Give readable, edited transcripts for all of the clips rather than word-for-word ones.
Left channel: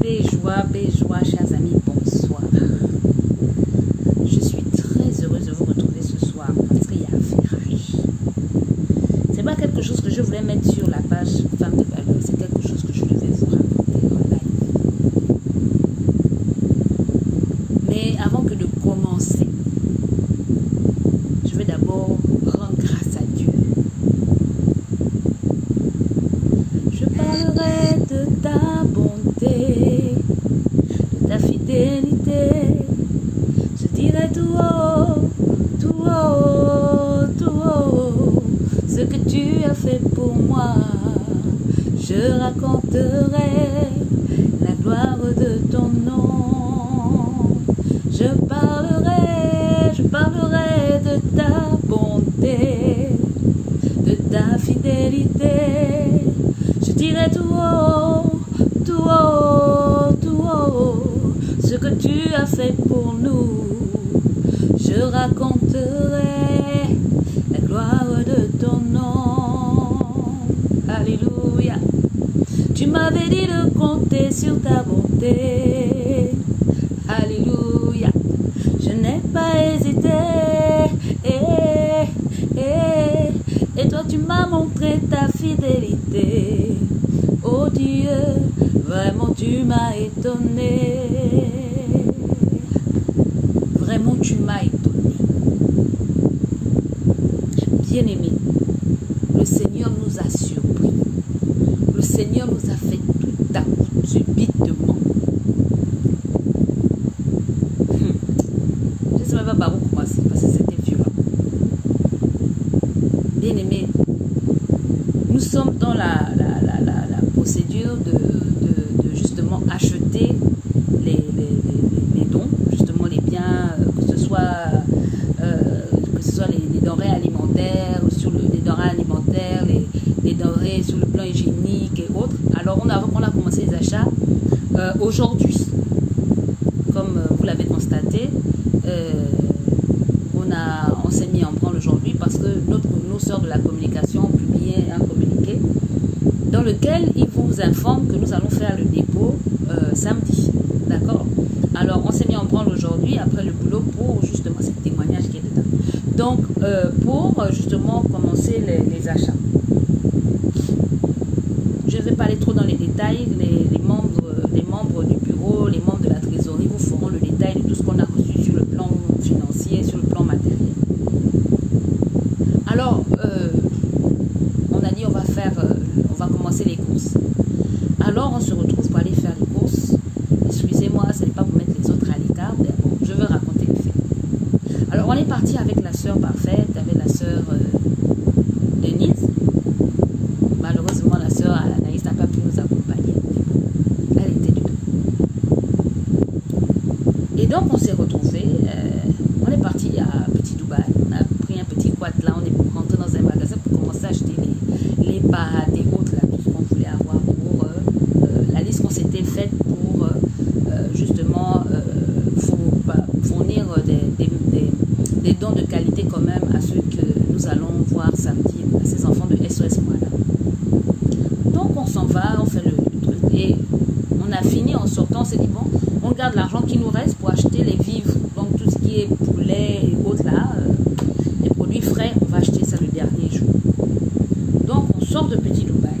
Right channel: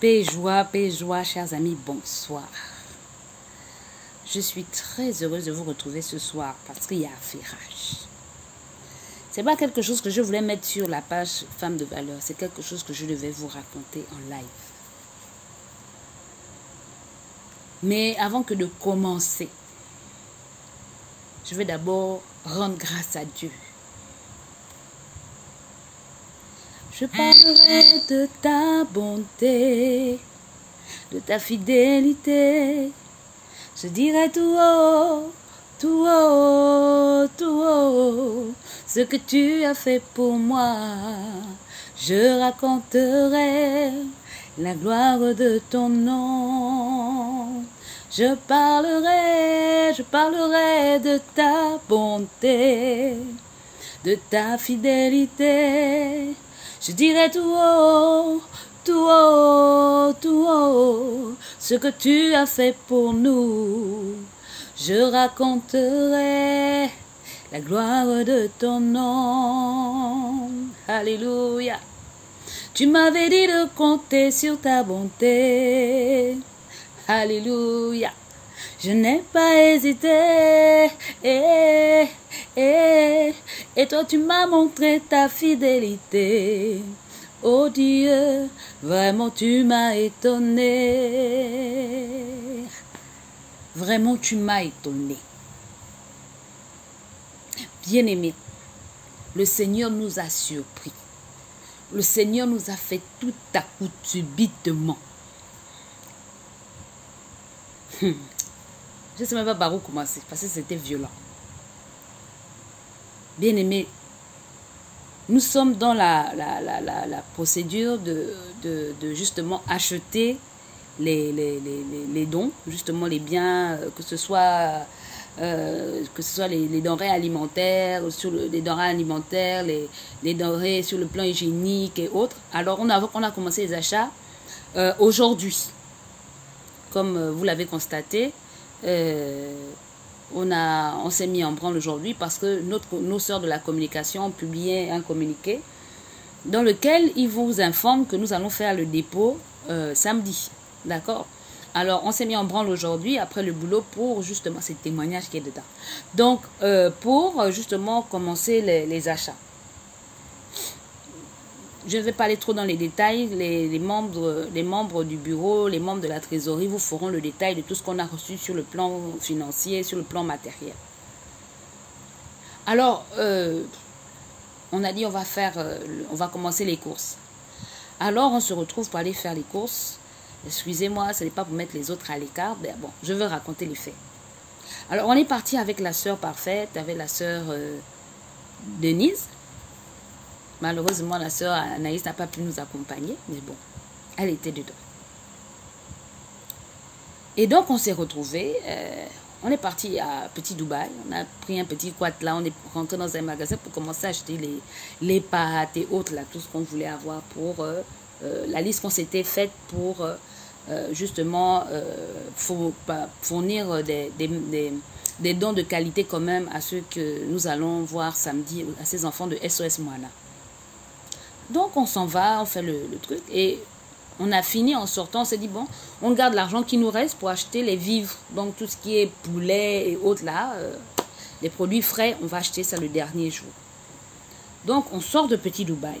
Paix et joie, chers amis, bonsoir. Je suis très heureuse de vous retrouver ce soir parce qu'il y a un virage. C'est pas quelque chose que je voulais mettre sur la page Femmes de Valeur, c'est quelque chose que je devais vous raconter en live. Mais avant que de commencer, je vais d'abord rendre grâce à Dieu. Je parlerai de ta bonté, de ta fidélité. Je dirai tout haut, tout haut, tout haut, ce que tu as fait pour moi. Je raconterai la gloire de ton nom. Je parlerai de ta bonté, de ta fidélité. Je dirai tout haut, tout haut, tout haut, ce que tu as fait pour nous. Je raconterai la gloire de ton nom. Alléluia. Tu m'avais dit de compter sur ta bonté. Alléluia. Je n'ai pas hésité. Et toi tu m'as montré ta fidélité. Oh Dieu, vraiment tu m'as étonné. Vraiment tu m'as étonné. Bien-aimé, le Seigneur nous a surpris. Le Seigneur nous a fait tout à coup subitement. Je ne sais même pas par où commencer parce que c'était violent. Bien-aimés, nous sommes dans la procédure de justement acheter les dons, justement les biens, que ce soit les denrées alimentaires, les denrées alimentaires, les denrées sur le plan hygiénique et autres. Alors on a commencé les achats aujourd'hui. Comme vous l'avez constaté, on s'est mis en branle aujourd'hui parce que nos sœurs de la communication ont publié un communiqué dans lequel ils vous informent que nous allons faire le dépôt samedi. D'accord? Alors, on s'est mis en branle aujourd'hui après le boulot pour justement, c'est le témoignage qui est dedans. Donc, pour justement commencer les achats. Je ne vais pas aller trop dans les détails. Les membres du bureau, les membres de la trésorerie vous feront le détail de tout ce qu'on a reçu sur le plan financier, sur le plan matériel. Alors, on a dit on va commencer les courses. Alors, on se retrouve pour aller faire les courses. Excusez-moi, ce n'est pas pour mettre les autres à l'écart. Bon, je veux raconter les faits. Alors, on est parti avec la sœur parfaite, avec la sœur Denise. Malheureusement, la sœur Anaïs n'a pas pu nous accompagner. Elle était dedans. Et donc, on s'est retrouvés. On est parti à Petit Dubaï. On a pris un petit quad là. On est rentré dans un magasin pour commencer à acheter les pâtes et autres, là, tout ce qu'on voulait avoir pour la liste qu'on s'était faite pour justement fournir des dons de qualité quand même à ceux que nous allons voir samedi, à ces enfants de SOS Moala. Donc on s'en va, on fait le truc et on a fini en sortant, on s'est dit bon, on garde l'argent qui nous reste pour acheter les vivres, donc tout ce qui est poulet et autres là, les produits frais, on va acheter ça le dernier jour. Donc on sort de Petit Dubaï.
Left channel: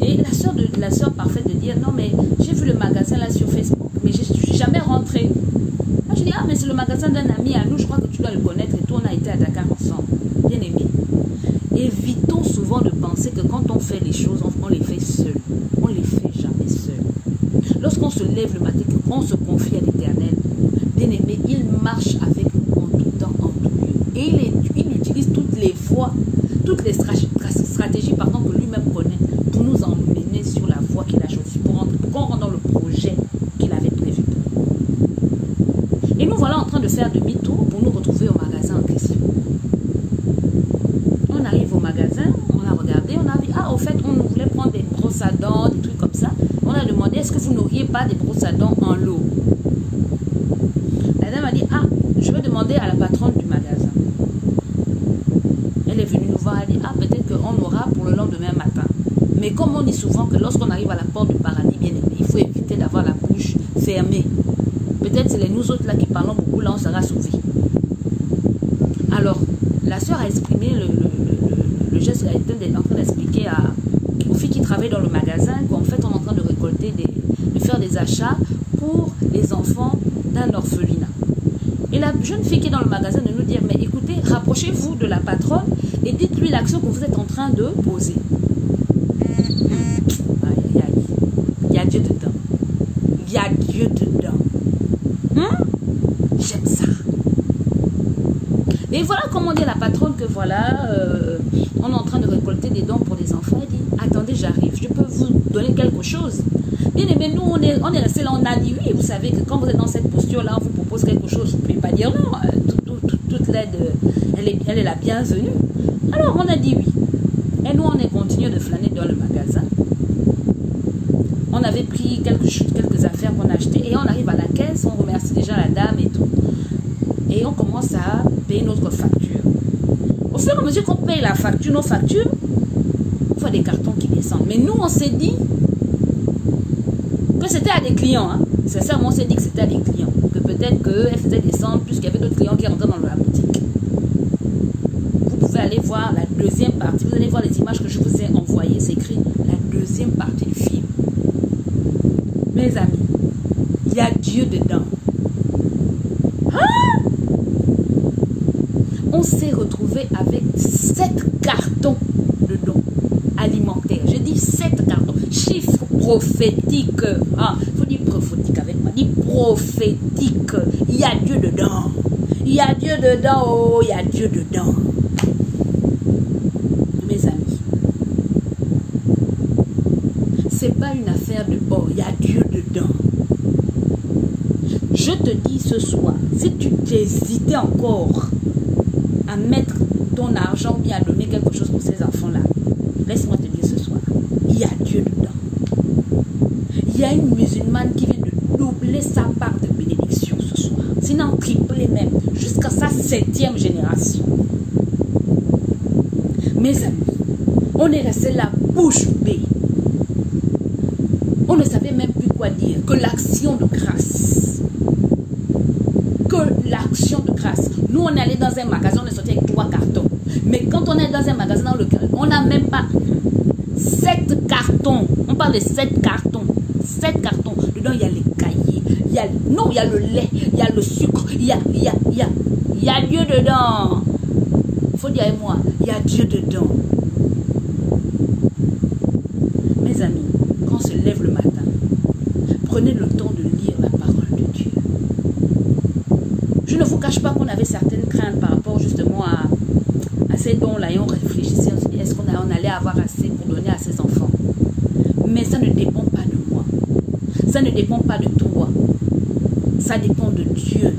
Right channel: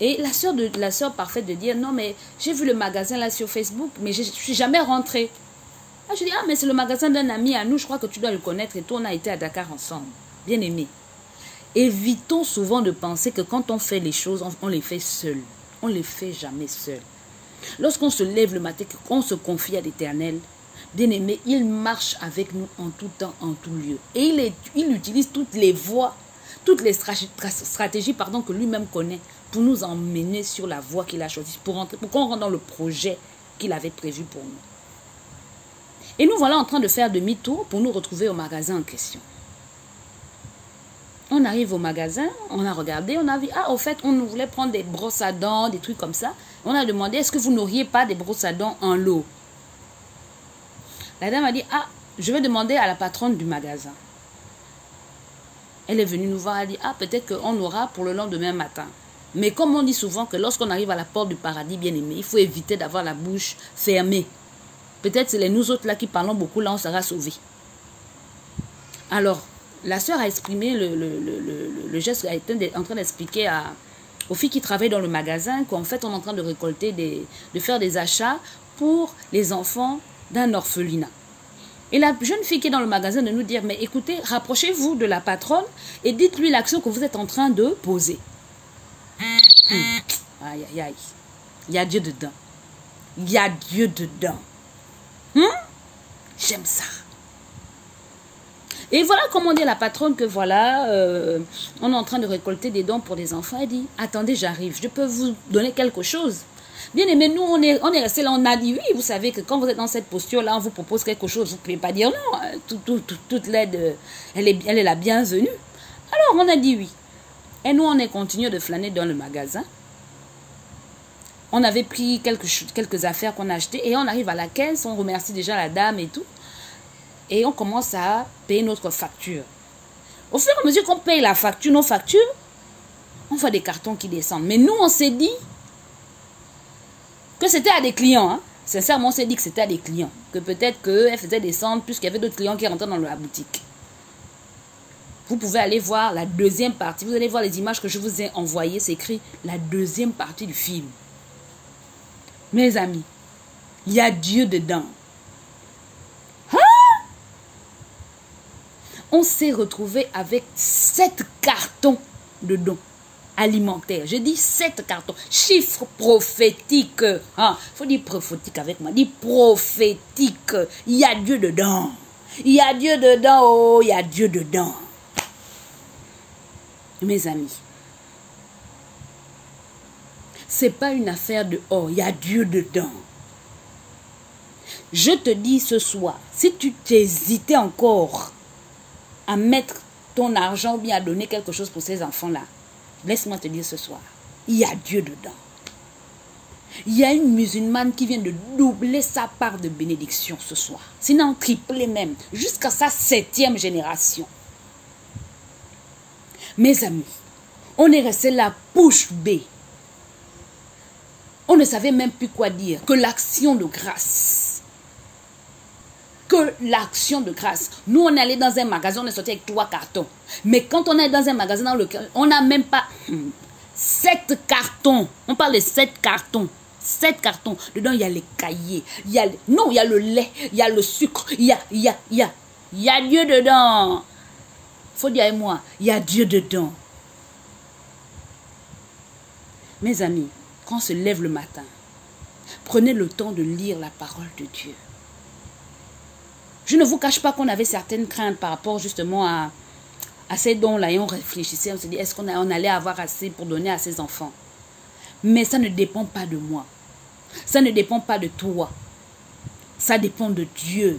Et la sœur parfaite de dire non mais j'ai vu le magasin là sur Facebook mais je ne suis jamais rentrée. Ah, je dis ah mais c'est le magasin d'un ami à nous, je crois que tu dois le connaître et toi on a été à Dakar ensemble. Bien aimé. Évitons souvent de penser que quand on fait les choses, on les fait seul. On ne les fait jamais seul. Lorsqu'on se lève le matin, qu'on se confie à l'Éternel, bien aimé, il marche avec nous en tout temps, en tout lieu. Et il utilise toutes les voies, toutes les stratégies que lui-même connaît pour nous emmener sur la voie qu'il a choisie, pour qu'on rentre dans le projet qu'il avait prévu pour nous. Et nous voilà en train de faire demi-tour pour nous retrouver au magasin en question. On arrive au magasin, on a regardé, on a vu, ah au fait on nous voulait prendre des brosses à dents, des trucs comme ça. On a demandé, est-ce que vous n'auriez pas des brosses à dents en lot? La dame a dit, ah je vais demander à la patronne du magasin. Elle est venue nous voir, elle a dit, ah peut-être qu'on aura pour le lendemain matin. Mais comme on dit souvent que lorsqu'on arrive à la porte du paradis, bien aimé, il faut éviter d'avoir la bouche fermée. Peut-être c'est nous autres là qui parlons beaucoup, là on sera sauvés. Alors, la sœur a exprimé le geste, elle était en train d'expliquer aux filles qui travaillent dans le magasin qu'en fait on est en train de récolter, de faire des achats pour les enfants d'un orphelinat. Et la jeune fille qui est dans le magasin de nous dire, mais écoutez, rapprochez-vous de la patronne et dites-lui l'action que vous êtes en train de poser. Aïe, aïe, aïe. Il y a Dieu dedans. Il y a Dieu dedans. J'aime ça. Et voilà comment dit la patronne que voilà, on est en train de récolter des dons pour des enfants. Elle dit, attendez, j'arrive, je peux vous donner quelque chose. Bien aimé, nous, on est resté là, on a dit oui. Vous savez que quand vous êtes dans cette posture-là, on vous propose quelque chose, vous ne pouvez pas dire non. Toute l'aide, elle est la bienvenue. Alors, on a dit oui. Et nous, on est continué de flâner dans le magasin. On avait pris quelques affaires qu'on a achetées et on arrive à la caisse, on remercie déjà la dame et tout. Et on commence à payer notre facture. Au fur et à mesure qu'on paye la facture, nos factures, on voit des cartons qui descendent. Mais nous, on s'est dit que c'était à des clients. Hein. Sincèrement, on s'est dit que c'était à des clients. Que peut-être qu'elle faisait descendre puisqu'il y avait d'autres clients qui rentraient dans la boutique. Vous pouvez aller voir la deuxième partie. Vous allez voir les images que je vous ai envoyées. C'est écrit la deuxième partie du film. Mes amis, il y a Dieu dedans. On s'est retrouvé avec 7 cartons de dons alimentaires. Je dis 7 cartons. Chiffre prophétique. Il faut dire prophétique avec moi. Dis prophétique. Il y a Dieu dedans. Il y a Dieu dedans. Oh, il y a Dieu dedans. Mes amis, c'est pas une affaire de oh, il y a Dieu dedans. Je te dis ce soir, si tu t'hésitais encore à mettre ton argent ou bien à donner quelque chose pour ces enfants-là, laisse-moi te dire ce soir, il y a Dieu dedans. Il y a une musulmane qui vient de doubler sa part de bénédiction ce soir. Sinon tripler même, jusqu'à sa 7e génération. Mes amis, on est resté la bouche bée. On ne savait même plus quoi dire que l'action de grâce. Que l'action de grâce. Nous, on est allé dans un magasin, on est sorti avec 3 cartons. Mais quand on est dans un magasin dans lequel on n'a même pas 7 cartons. On parle de 7 cartons. 7 cartons. Dedans, il y a les cahiers. Il y a le lait. Il y a le sucre. Il y a Dieu dedans. Il faut dire avec moi, il y a Dieu dedans. Mes amis, quand on se lève le matin, prenez le temps de lire la parole de Dieu. Je ne vous cache pas qu'on avait certaines craintes par rapport justement à ces dons-là. Et on réfléchissait, on se dit, est-ce qu'on allait avoir assez pour donner à ses enfants? Mais ça ne dépend pas de moi. Ça ne dépend pas de toi. Ça dépend de Dieu.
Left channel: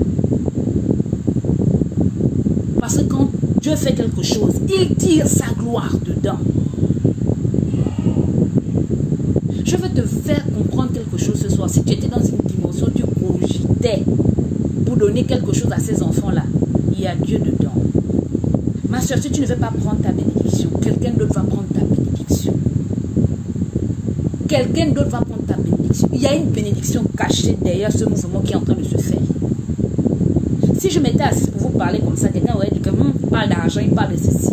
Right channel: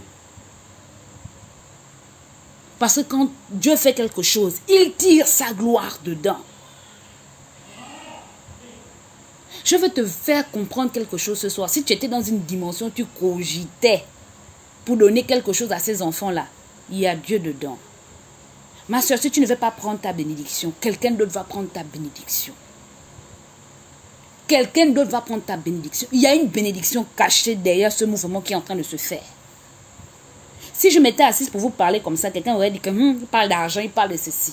Parce que quand Dieu fait quelque chose, il tire sa gloire dedans. Je veux te faire comprendre quelque chose ce soir. Si tu étais dans une dimension, tu cogitais pour donner quelque chose à ces enfants-là, il y a Dieu dedans. Ma soeur, si tu ne veux pas prendre ta bénédiction, quelqu'un d'autre va prendre ta bénédiction. Quelqu'un d'autre va prendre ta bénédiction. Il y a une bénédiction cachée derrière ce mouvement qui est en train de se faire. Si je m'étais assise pour vous parler comme ça, quelqu'un aurait dit que il parle d'argent, il parle de ceci.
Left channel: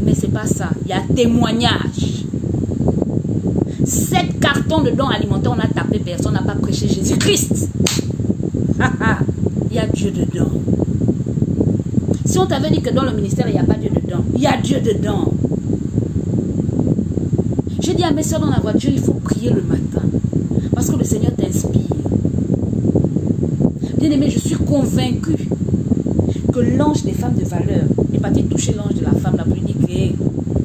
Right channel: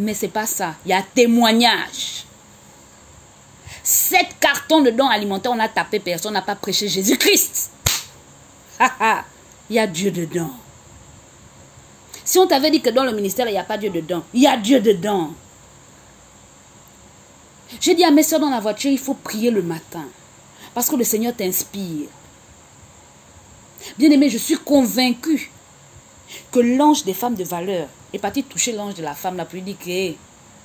Mais c'est pas ça. Il y a témoignage. 7 cartons de dons alimentaires, on a tapé, personne n'a pas prêché Jésus-Christ. Il y a Dieu dedans. Si on t'avait dit que dans le ministère, il n'y a pas Dieu dedans, il y a Dieu dedans. J'ai dit à mes soeurs dans la voiture, il faut prier le matin. Parce que le Seigneur t'inspire. Bien-aimé, je suis convaincue que l'ange des femmes de valeur est parti toucher l'ange de la femme là pour lui dire que, hey,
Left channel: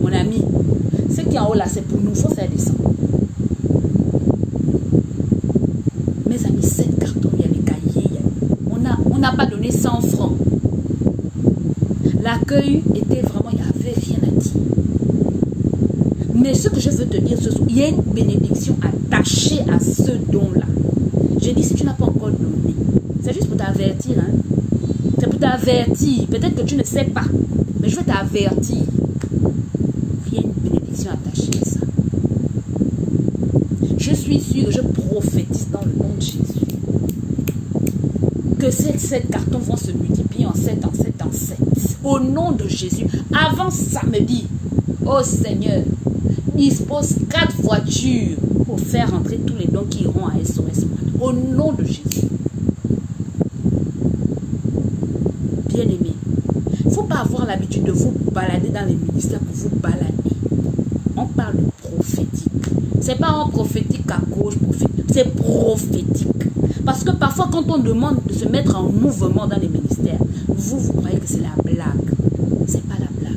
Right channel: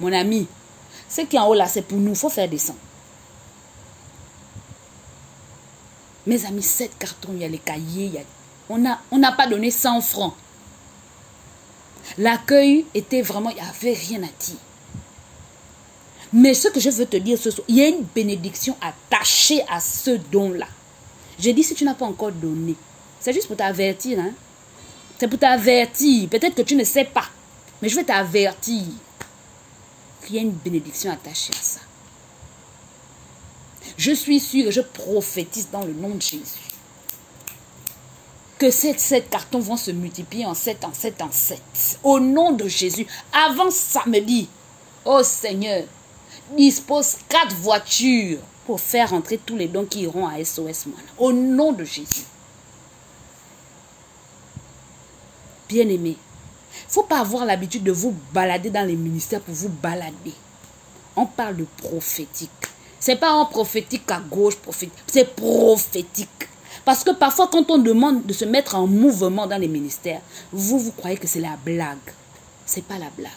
mon ami, ce qui est en haut là, c'est pour nous, il faut faire descendre. Mes amis, 7 cartons, il y a les cahiers, on n'a pas donné 100 francs. L'accueil était vraiment, il n'y avait rien à dire. Mais ce que je veux te dire ce soir, il y a une bénédiction attachée à ce don-là. J'ai dit, si tu n'as pas encore donné, c'est juste pour t'avertir. Hein? C'est pour t'avertir. Peut-être que tu ne sais pas. Mais je vais t'avertir qu'il y a une bénédiction attachée à ça. Je suis sûre, je prophétise dans le nom de Jésus que ces 7 cartons vont se multiplier en 7, en 7, en 7. Au nom de Jésus, avant samedi, oh Seigneur, dispose 4 voitures pour faire entrer tous les dons qui iront à SOS Moana. Au nom de Jésus. Bien-aimés, il ne faut pas avoir l'habitude de vous balader dans les ministères pour vous balader. On parle de prophétique. Ce n'est pas un prophétique à gauche, prophétique. C'est prophétique. Parce que parfois, quand on demande de se mettre en mouvement dans les ministères, vous croyez que c'est la blague. Ce n'est pas la blague.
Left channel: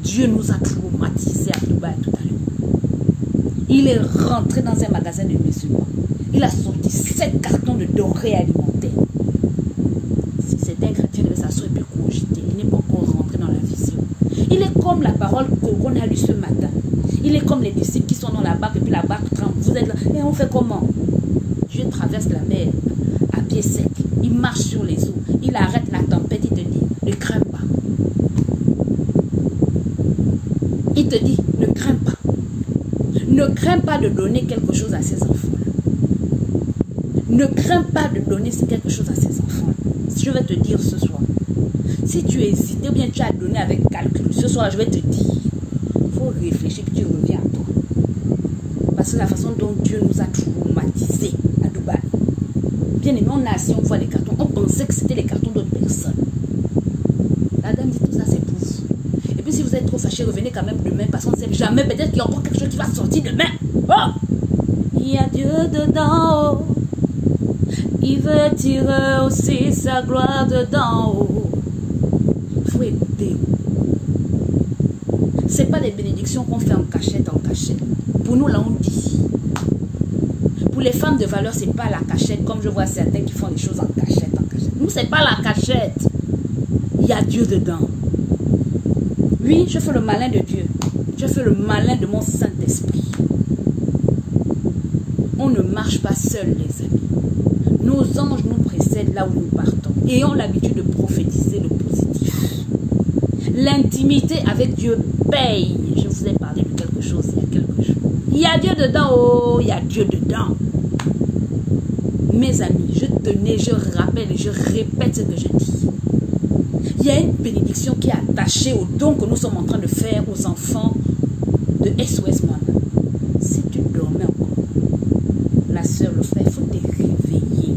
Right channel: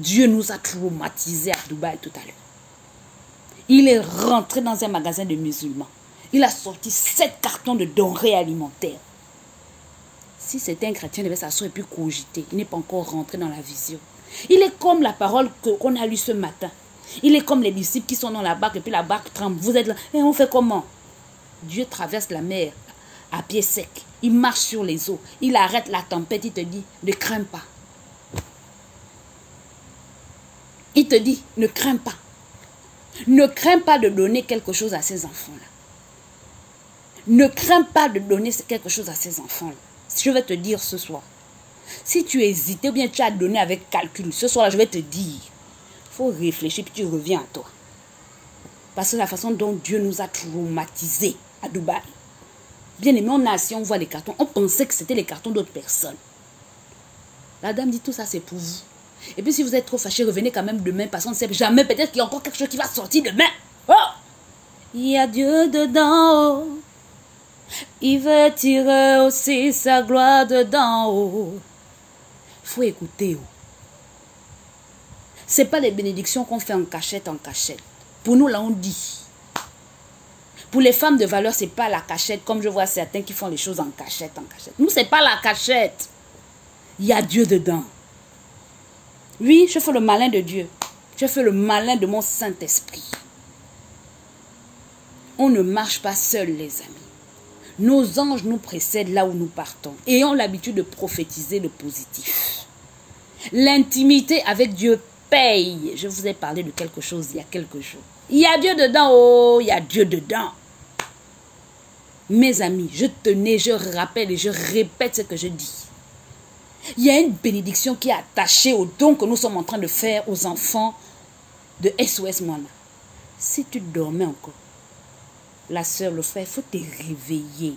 Dieu nous a traumatisés à Dubaï tout à l'heure. Il est rentré dans un magasin de musulmans. Il a sorti 7 cartons de denrées alimentaires. Si c'était un chrétien, il devait s'asseoir et puis cogiter. Il n'est pas encore rentré dans la vision. Il est comme la parole qu'on a lue ce matin. Il est comme les disciples qui sont dans la barque et puis la barque tremble. Vous êtes là. Et on fait comment? Dieu traverse la mer à pied sec. Il marche sur les eaux. Il arrête la tempête. Il te dit, ne crains pas. Il te dit, ne crains pas. Ne crains pas de donner quelque chose à ces enfants-là. Ne crains pas de donner quelque chose à ces enfants-là. Je vais te dire ce soir. Si tu hésites ou bien tu as donné avec calcul, ce soir-là, je vais te dire. Il faut réfléchir puis tu reviens à toi. Parce que la façon dont Dieu nous a traumatisés à Dubaï. Bien aimé, on a assis, on voit les cartons. On pensait que c'était les cartons d'autres personnes. La dame dit tout ça, c'est pour vous. Et puis si vous êtes trop fâché, revenez quand même demain. Parce qu'on ne sait jamais, peut-être qu'il y a encore quelque chose qui va sortir demain. Oh! Il y a Dieu dedans. Oh. Il veut tirer aussi sa gloire dedans. Oh. Il faut écouter. Oh. Ce n'est pas des bénédictions qu'on fait en cachette, en cachette. Pour nous, là, on dit. Pour les femmes de valeur, ce n'est pas la cachette, comme je vois certains qui font les choses en cachette, en cachette. Nous, ce n'est pas la cachette. Il y a Dieu dedans. Oui, je fais le malin de Dieu. Je fais le malin de mon Saint-Esprit. On ne marche pas seul, les amis. Nos anges nous précèdent là où nous partons. Ayons l'habitude de prophétiser le positif. L'intimité avec Dieu paye. Je vous ai parlé de quelque chose il y a quelques jours. Il y a Dieu dedans, oh, il y a Dieu dedans. Mes amis, je tenais, je rappelle et je répète ce que je dis. Il y a une bénédiction qui est attachée au don que nous sommes en train de faire aux enfants de SOS Moana. Si tu dormais encore, la soeur, le frère, il faut te réveiller.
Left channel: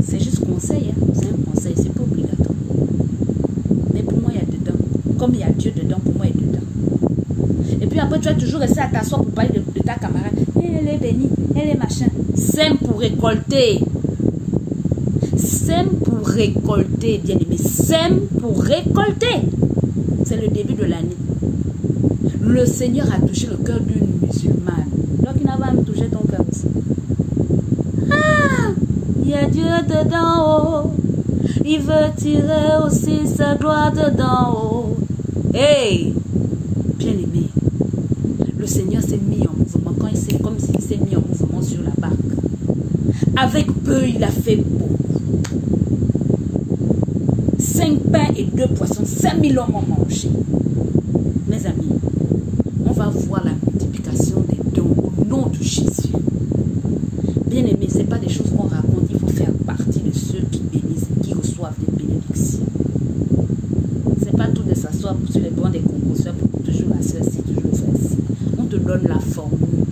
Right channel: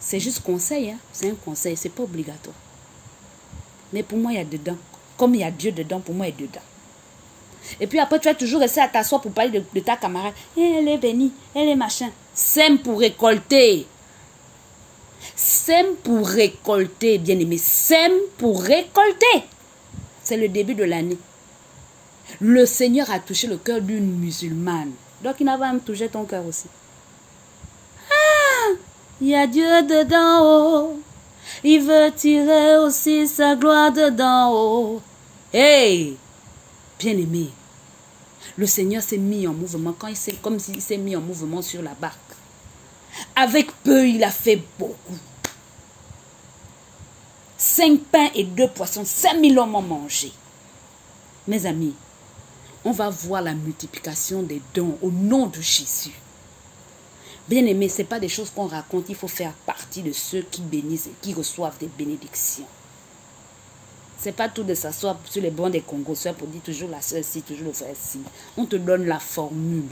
C'est juste conseil, hein? C'est un conseil, c'est pas obligatoire. Mais pour moi, il y a dedans. Comme il y a Dieu dedans, pour moi, il y a dedans. Et puis après, tu vas toujours rester à t'asseoir pour parler de ta camarade. Elle est bénie, elle est machin. Sème pour récolter. Sème pour récolter, bien aimé. Sème pour récolter. C'est le début de l'année. Le Seigneur a touché le cœur d'une musulmane. Donc il n'a pas même touché ton cœur aussi. Ah! Il y a Dieu dedans, oh. Il veut tirer aussi sa gloire dedans, oh. Hey! Bien-aimé, le Seigneur s'est mis en mouvement quand il s'est, comme s'il s'est mis en mouvement sur la barque. Avec peu, il a fait beaucoup. 5 pains et 2 poissons, 5000 hommes ont mangé. Mes amis, on va voir la multiplication des dons au nom de Jésus. Bien-aimé, ce n'est pas des choses qu'on raconte, il faut faire partie de ceux qui bénissent et qui reçoivent des bénédictions. Ce n'est pas tout de s'asseoir sur les bancs des Congos, soeur pour dire toujours la soeur ci, toujours le frère ci. On te donne la formule.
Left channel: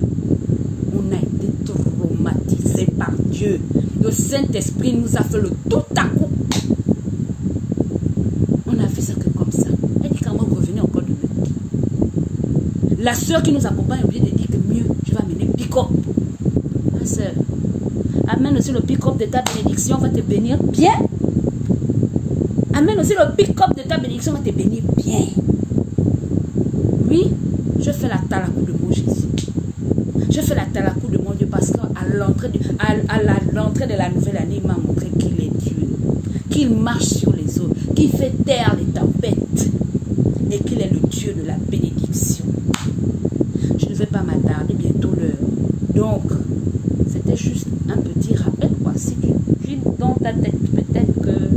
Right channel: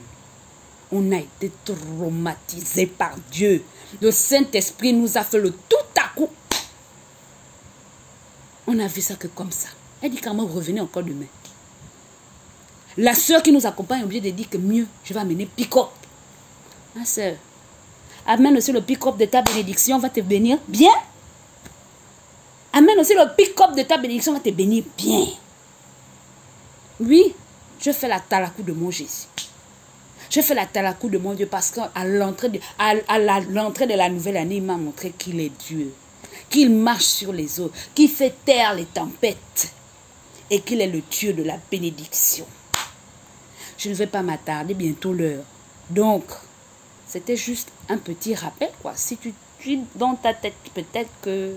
On a été traumatisé par Dieu. Le Saint-Esprit nous a fait le tout à coup. On a fait ça que comme ça. Elle dit quand même revenez encore demain. La soeur qui nous accompagne est obligée de dire que mieux, je vais amener pick-up. Ma soeur, amène aussi le pick-up de ta bénédiction, va te bénir bien. Amène aussi le pick-up de ta bénédiction, va te bénir bien. Oui, je fais la talakou de mon Jésus. Je fais la talakou de mon Dieu parce qu'à l'entrée de la nouvelle année, il m'a montré qu'il est Dieu. Qu'il marche sur les eaux, qu'il fait taire les tempêtes et qu'il est le Dieu de la bénédiction. Je ne vais pas m'attarder, bientôt l'heure. Donc, c'était juste un petit rappel, quoi. Si tu dans ta tête, peut-être que